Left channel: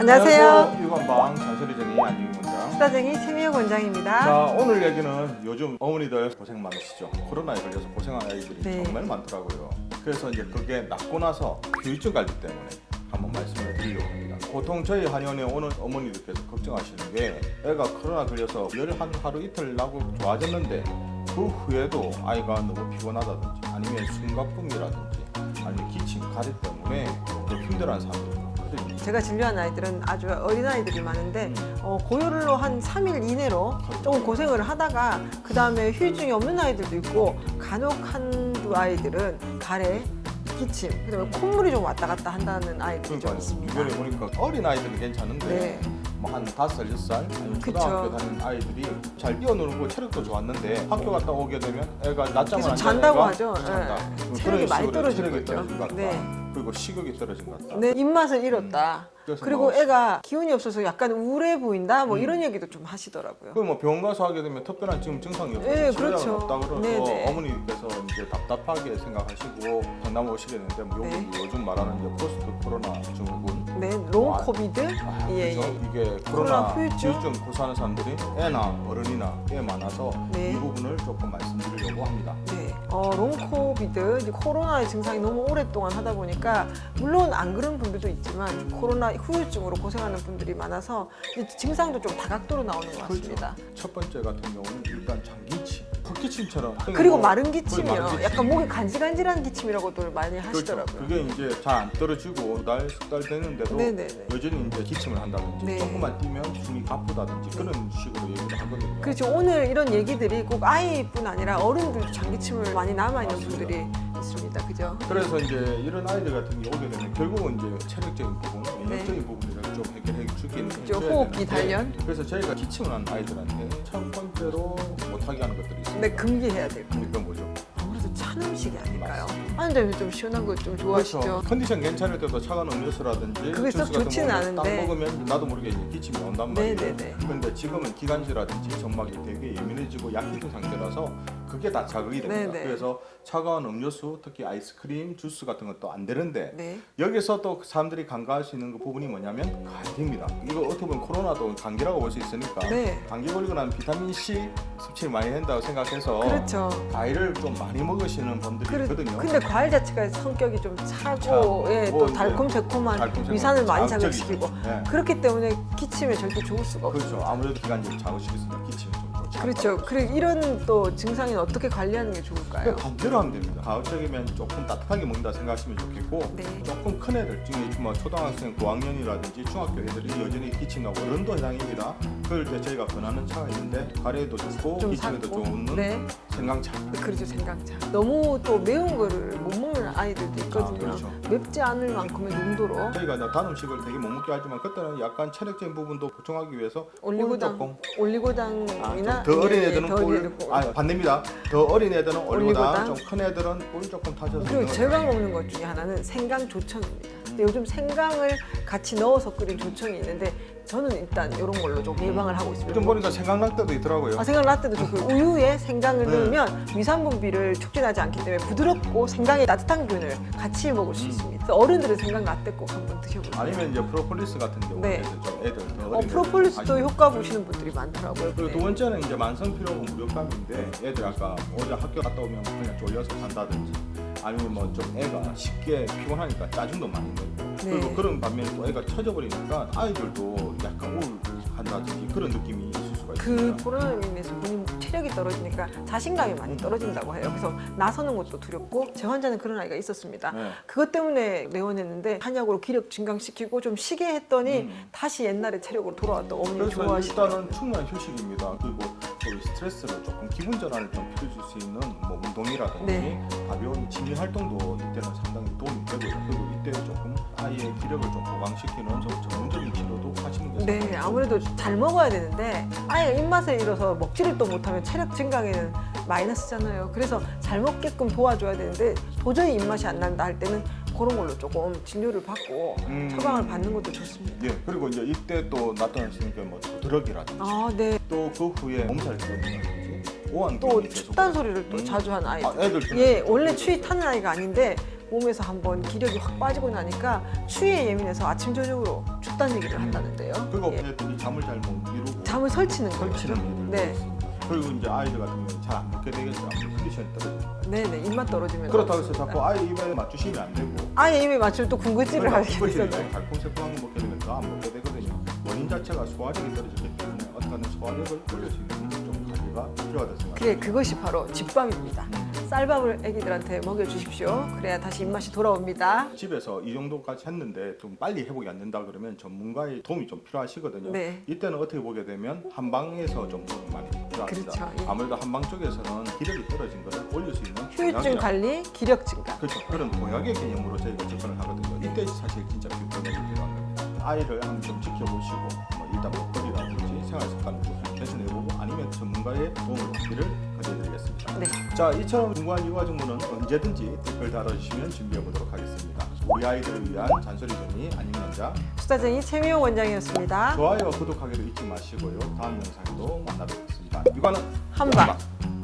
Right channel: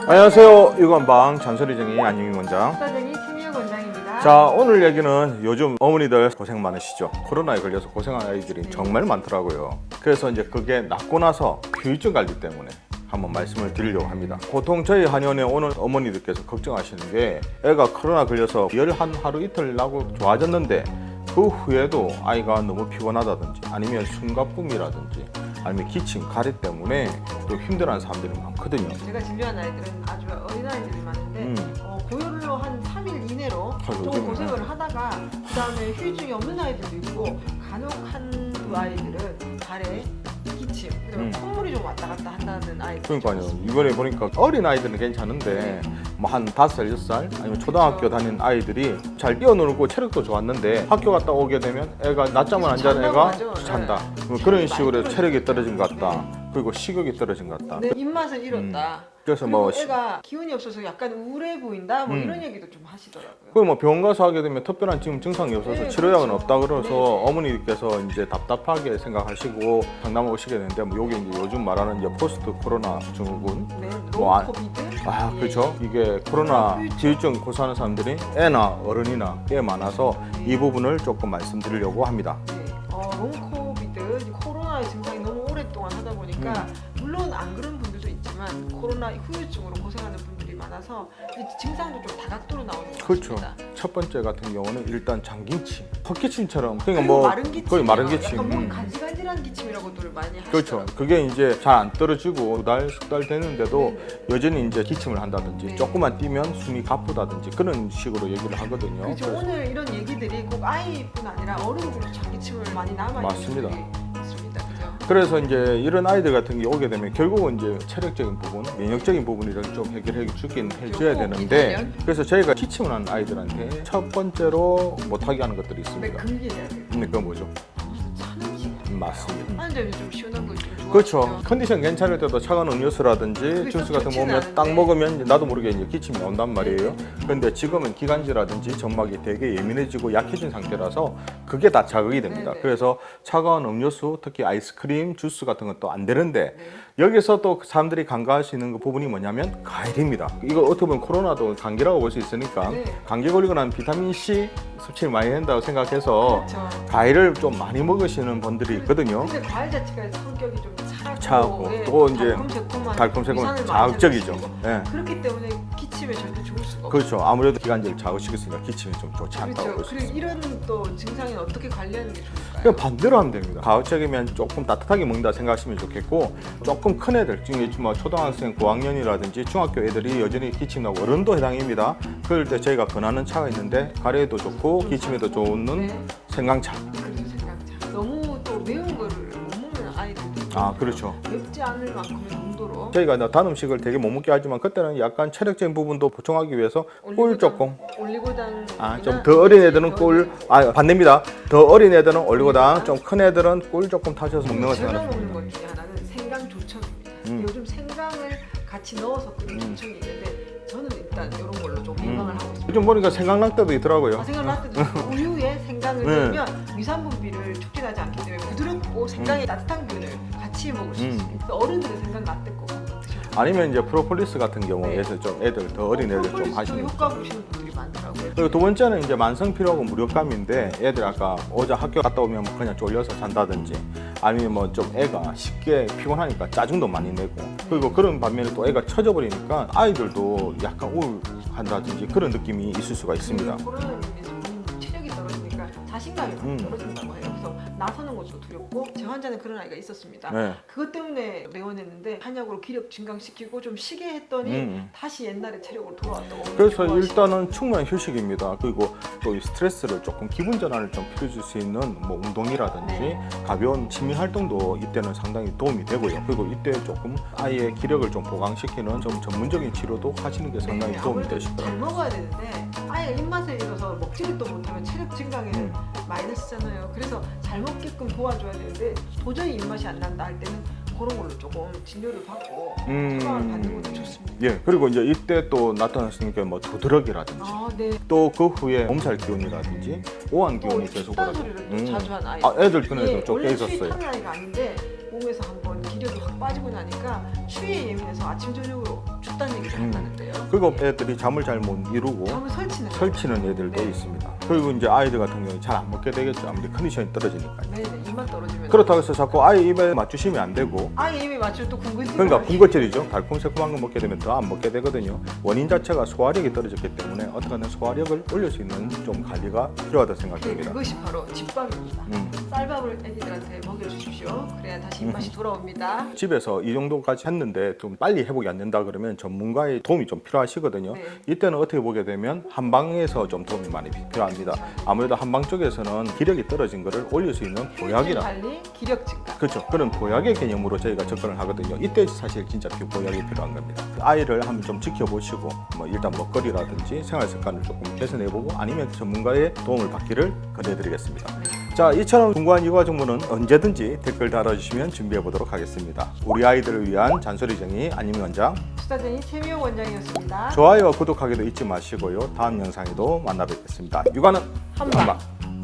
안녕하세요. 유관방 잔소리쟁이 안영희 원장. 수다쟁이 최미영 원장입니다. 자, 오늘 얘기는 요즘 어머니들 고생 많으시죠. 코로나에 걸려서 고생하는 아이들이 네. 정말 많더라고요. 그래서 이제 그게 낫고 나서 후유증 관리 때문에 한번 말씀을 드리려고 합니다. 보통 저희 한의원에 오는 어머니들께서 걱정하시는 게 애가 코로나 걸려서 열 한 하루 이틀 나고 좋아졌는데 그 후에도 아이가 너무 피곤하다든지 아니면 숨가쁨이라든지 아니면 기침, 가래 때문에 또 힘들어하는 사람들이 많거든요. 제가 진료한 아이들은 아주 어린 아이들이 많은데 고열로 한 3일 이내로 좀 고생을 하다가 그 다음에 후유증이 없는 아이들도 있고 간혹 한두 아이들은 가래, 기침, 그다음에 콧물이 좀 왔다 갔다 한다는 아이들이 그러니까요. 있습니다. 이번에 보니까 어린 아이들은 괜찮은데 네. 뭐 한 5살, 6살 아니면 초등학교 다니는 아이들이 잘 뛰어놀고 체력도 좋았는데 학교 갔다 오게 되면 애가 낮잠을 안 자는 애가 잔다. 네. 그런 체력이 식으로 많이 체력이 떨어진 것 떨어지니까. 같다. 그리고 식욕이 떨어진 것 같다. 네, 입맛을 잃었다. 그래서 그리고 뭐 애가 기운이 없어서 약간 우울해 보인다. 뭐 이런 얘기도 좀 하시더라고요. 그 뭐 병원 가서 하게 되면 특별한 지금 증상이 없어서 네, 치료약은 그렇죠. 없다 그래서 네네. 어머니께서 이제 답답하게 생각하시고 상담을 오시게 되는데 뭐 요게 이제 요즘 말하는 이제 포스트 코로나 증후군. 네, 뭐 롱 코비드. 아, 예. 그렇죠. 이게 코로나 후유증. 지유증 고수하는 사람들이 애나 어른이나 꽤 많아서 네. 이 부분을 조금 말씀드리려고 합니다. 네. 롱코비드, 이제 코로나의 증상이 너무 오랫동안 하다 보니까 물론 안 그런 분들도 있지만 코로나 후유증으로 고생하는 분들이 많아서 이 증상도 좀 다각도로 나오는 것 그렇죠. 같습니다. 첫 번째 같은 경우는 일단 장기침, 헛기침처럼 그리고 마른 거의 기침, 마른 기침. 약간 몸이 간질간질한 기침이라고들 많이 그렇죠. 하시더라고요. 그게 이제 잘 안 떨어지고 2달, 10달 되는데도 네네. 여전히 이제 기침을 한다든지 네. 조금만 뛰면 숨이 가쁘다든지 그런 식으로 얘기를 하거든요. 그렇죠. 오늘 이런 얘기들이 꼭 아이뿐 아니라 어른들도 장기침을 많이 남아있는 맞습니다. 분들이 있습니다. 그죠? 그래서 이제 이런 아이들 같은 게 오게 되면 결국은 이제 체력적인 부분, 면역적인 부분을 좀 해결해 주긴 해줘야 호흡기 되는데 단련. 그래서 저희가 기침을 하는 아이들한테 첫 번째로 못하게 하는 것들이 근데 있습니다. 금기해야 돼요. 근데 그건 뭐죠? 찬 음식이 아닐까요? 맞습니다. 아이들은 좀 시원한 걸 좀 그렇죠. 좋아하시죠. 컨디션 괜찮을 때도 차가운 음료수라든지 그게 주스 썩 같은 거 좋지는 보면 딱 않은데. 먹으면 나도 모르게 이제 기침이 온단 말이에요. 네네네. 그런데 지금은 기관지라든지 점막이 되게 예민해지고 약해진 상태라서 그게 다 자극이 됩니다. 네네. 그래서 차가운 음료수, 특히 아이스크림, 주스 같은 것도 안 되는데 네. 여기서 또 사람들이 간과할 수 있는 그 부분이 뭐냐면 과일입니다. 이거 어떻게 보면 코로나도 감기라고 볼 수 있으니까 네. 감기 걸리고 나면 비타민 C 섭취를 많이 한다고 생각해서 그렇죠. 과일을 좀 많이 먹으시는 분들이 있거든요. 근데 과일 자체가 성격이 좀 차고, 차고, 예, 뭐 또 이제 달콤새콤한 달콤새콤한 위산을 많이 자극적이죠. 자극시키고 네. 그렇기 때문에 기침에 절대 좋을 수가 없어요. 그렇죠. 아무래도 기관지를 자극시켰으니까 기침이 좀 좋지 않고. 그렇죠. 그리고 이런 또 증상은 어떻게 관리하는 게 좋을까요? 그냥 반대로 하면 됩니다. 가급적이면 조금 따뜻하게 먹는다 생각하시면 좋겠고 네. 조금 큰 애들, 지금 뭐 초등학생 고학년이라든지 중학교 애들이 여전히 기침나고 어른도 해당입니다. 그럴 때 저희가 권하는 차가 있는데 가래에도 좋고 좀 기침에도 살고. 좋은 네. 생강차. 그렇죠. 생강차. 너무 또 매운 거를 못 먹는 아이들도 있거든요. 아, 그렇죠. 맵지 않을 만큼의 농도로 저희가 이제 단 음식을 되게 못 먹게 하지만 그때는 약간 체력적인 부분도 보충하기 위해서 꿀 조금. 올리고당 좀 더 어린 애들은 꿀, 반대입니다. 더 어린 애들은 올리고당, 좀 큰 애들은 꿀 조금 타셔서 먹는 그리고 거 제가 좋아요. 먹는 것 중에 하나는 생강 조청입니다. 근데 요즘 생강을 같이 넣어서 끓인 조청이 있는데 저는 일단 이런 걸로 좀 예방을 하고 있습니다. 요즘 보니까 생강락대도 있더라고요. 생강 라떼도 그 우유에 생강을 네. 넣으면 위산분비를 촉진하지 않기 때문에 부드럽고 생강의 따뜻한 균을 같이 먹을 수 있습니다. 그래서 어른들은 생강 라떼 꼭 한번 드셔보세요. 아니면 이제 프로폴리스 같은 네. 경우에서 좀 애들 더 어린 애들 좀 프로폴리스도 하시는. 효과 보시는 분들이 많더라고요. 그리고 두 번째는 이제 만성 피로하고 무력감인데 애들 아까 어제 학교 갔다 오면 뭐 그냥 졸려서 잔다든지 아니면 뭐 좀 애가 쉽게 피곤하니까 짜증도 많이 내고 그리고 그런 반면에 또 애가 처져 버리니까 아이들도 약간 우울한다든지 그런 느낌이 있을 수가 있습니다. 그 코로나로 인해서 본인 체력이 떨어지니까 자신감이 많이 떨어진다고 해요. 그래서 나서는 것도 두렵고 제 환자는 그런 아이가 있었습니다. 네. 그것 때문에 내원했는데 한약으로 기력 증강시키고 좀 쉬게 했더니 다시 옛날의 체력으로 돌아왔다. 그래서 일단은 충분한 휴식입니다. 그리고 또 이 스트레스를 조금 기분 전환을 좀 필요줄 수 있는 뭐 운동이라든지 네. 가벼운 취미 활동도 이때는 상당히 도움이 되고요. 그리고 이때 조금 아이의 기력을 좀 보강시키는 좀 전문적인 치료도 하시는 게 상당히 네, 도움이 아무래도 되십니다. 잘 먹어야 되는데 아예 입맛을 잃어서 먹지를 또 못하면 체력 증강에는 마이너스잖아요. 그래서 잘 먹게끔 도와줘야 되는데 도저히 입맛이 안 난다 할 때는 그런 걸로 조금 진료를 받고 처방을 받는 것도 좋습니다. 예, 그리고 이제 이때 또 나타났으니까 뭐 두드러기라든지 아, 네. 또 그 후에 몸살 기운이라든지 오한 또 기운이 계속 춥다는 소리를 또 자주 하는 아이들. 아, 애들 편에서 예, 좀 원래 추위 깨졌어요. 타는 아이가 아닌데 몸에서 한번 기력이 확 빠지고 나니까 추위에 예민해서 아침 저녁으로 춥다는 얘기를 한다는데요. 그리고 애들이 잠을 잘 못 이루고 잠을 설치는 거예요. 설치는 애들도 네. 있습니다. 그리고 이제 아이들 같은 경우는 잘 안 먹게 되겠죠. 이제 컨디션이 떨어지니까. 네네, 입만 떨어지면. 그렇다고 해서 자꾸 아이 입에 맞추시면 안 되고 아예 입에 맞추면 또 군것질을 그러니까 하게 군것질이죠. 달콤새콤한 거 먹게 되면 더 안 먹게 되거든요. 원인 자체가 소화력이 떨어졌기 때문에 어떻게든 소화력을 올릴 수 있는 좀 관리가 필요하다 네, 생각합니다. 그것이 바로 집밥입니다. 쌀밥을 아기들한테 먹여주십시오. 그래야 다시 입맛이 돌아옵니다. 집에서 이 정도까지 했는데 좀 빨리 회복이 안 된다 그러면 전문가의 도움이 좀 필요하시거든요. 네. 이때는 어떻게 보게 되면 한방에서 좀 도움이 많이 필요합니다. 그렇죠. 아무래도 한방 쪽에서는 기력이 떨어진 거를 올릴 수 있는 휴증 보약이나 관리, 기력 증가. 그렇죠. 그런 보약의 개념으로 저희가 접근을 하거든요. 이때 사실 진짜 보약이 필요한 겁니다. 아이를 한번 좀 지켜보시고 뭐 일단 먹거리라든지 생활 습관을 조금 개선해보고 아니면 전문가의 도움을 받기를 권해드리겠습니다. 네. 자, 이처럼 궁금한 이과 정보는 언제든지 댓글 달아주시면 준비해보도록 하겠습니다. 우리 아이들을 위한 잔소리 정의 안녕 원장. 수다쟁이 최미용 원장이었습니다. 좋아요와 구독하기도 잊지 마시고요. 다음 영상에도 만나 뵙겠습니다. 육아는 한방. 영방.